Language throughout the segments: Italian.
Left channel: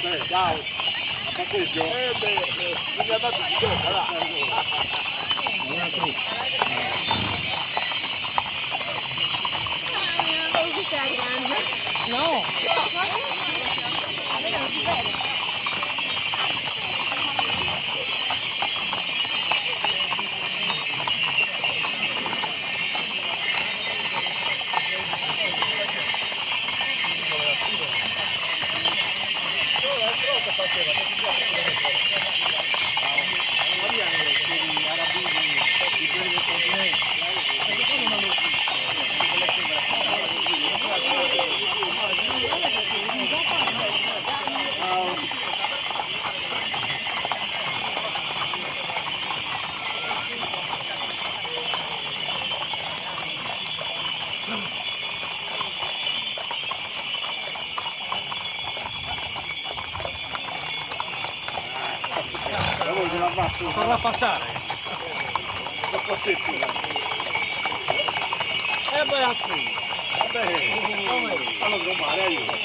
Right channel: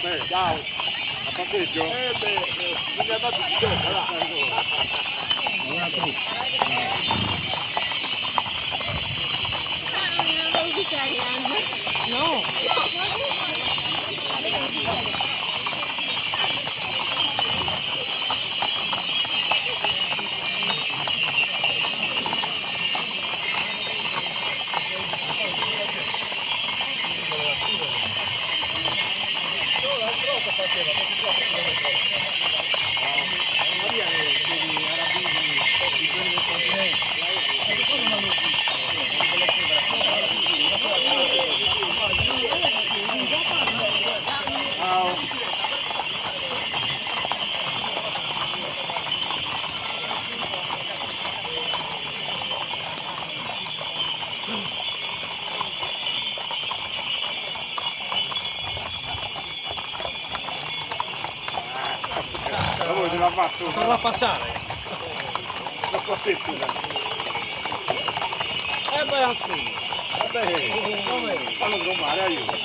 Ciao, a parcheggio? Non mi ha dato Farla passare. Non posso più. Beh, anche. Vabbè, stanno trombare aiuto.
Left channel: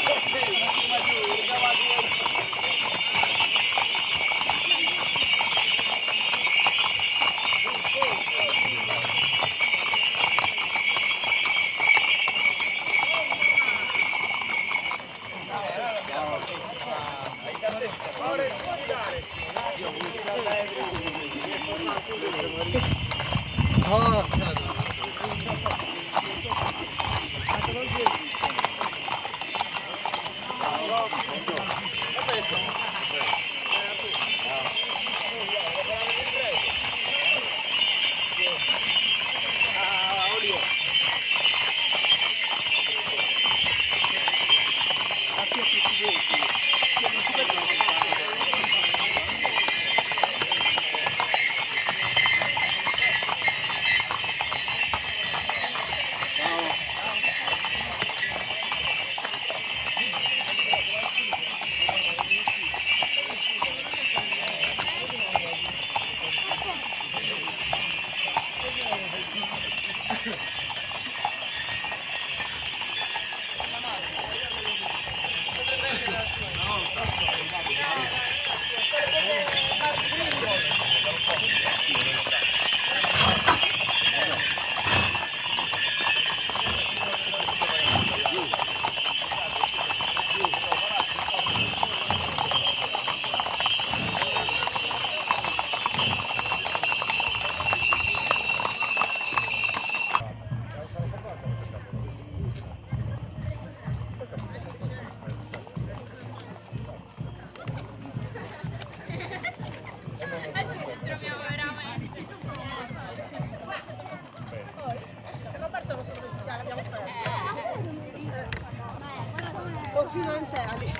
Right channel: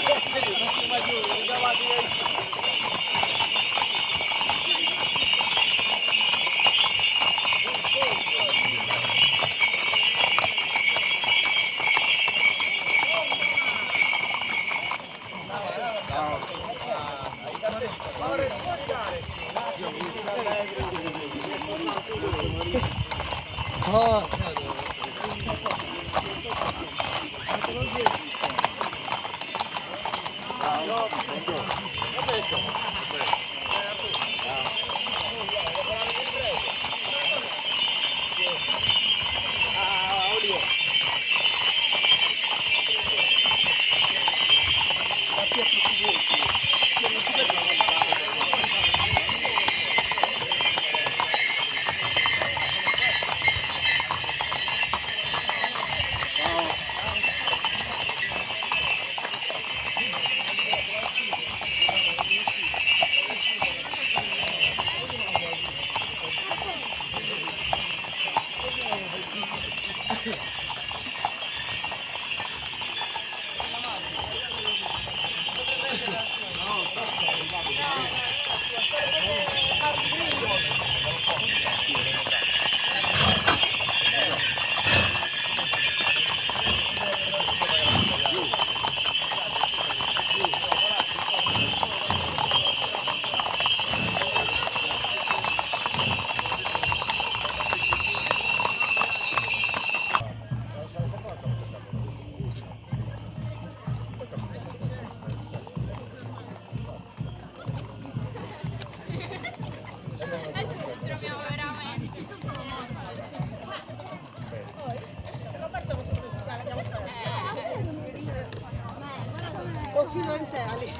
Occidentali.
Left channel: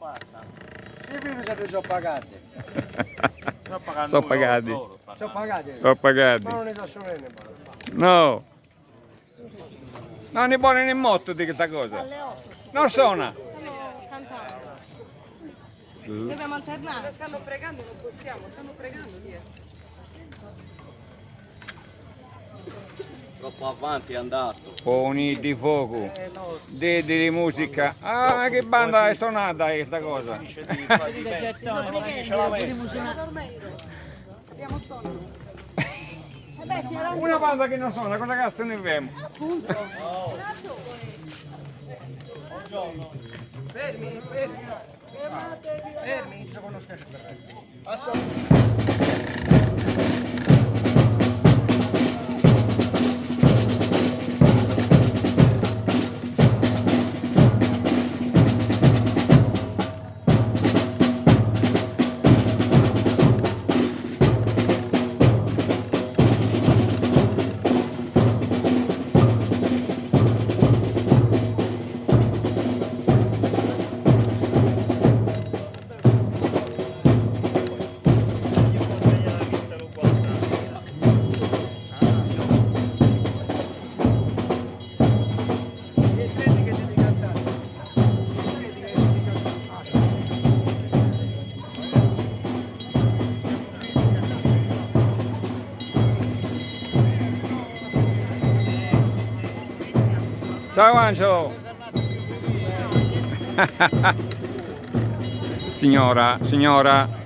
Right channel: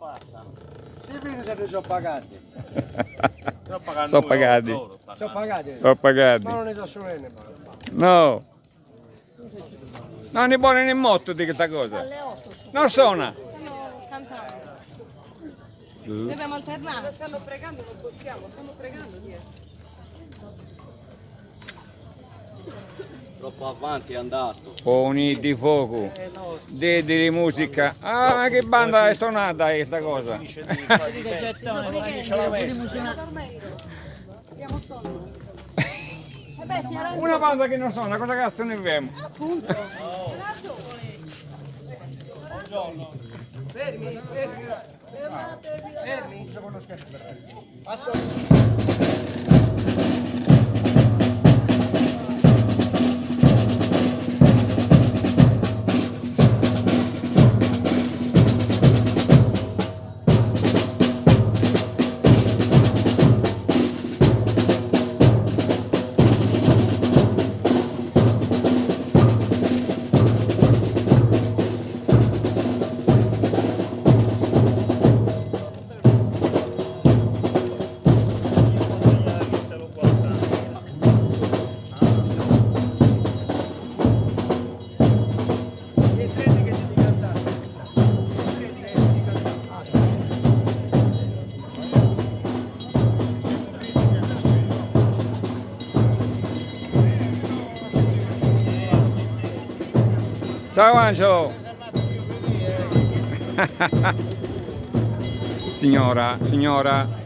passa. I vini se ne sono pagati. Sono pagati. Sono pagati. Sono pagati. Ma non ne so solo ne No. Non è buono né molto di questa cosa. Non suona. Stanno cantando. Dobbiamo alternare. Stanno pregando, non possiamo, stanno pregando dietro. Troppo avanti è andato. Poni di fuoco. Di musica. Ah, ma che banda è suonata questa cosa? Stiamo dormendo. Abbiamo sonno. Una banda che non suona, cosa cazzo ne abbiamo? Fermi, fermi. Fermi. Ciao Angelo! Signora, signora.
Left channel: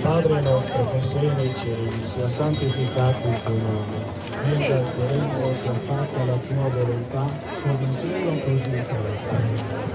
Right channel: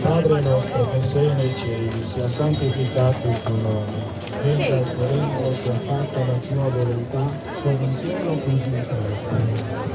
Padre nostro che sei nei cieli, sia santificato il tuo nome. Venga il tuo regno, sia fatta la tua volontà, come in cielo così in terra.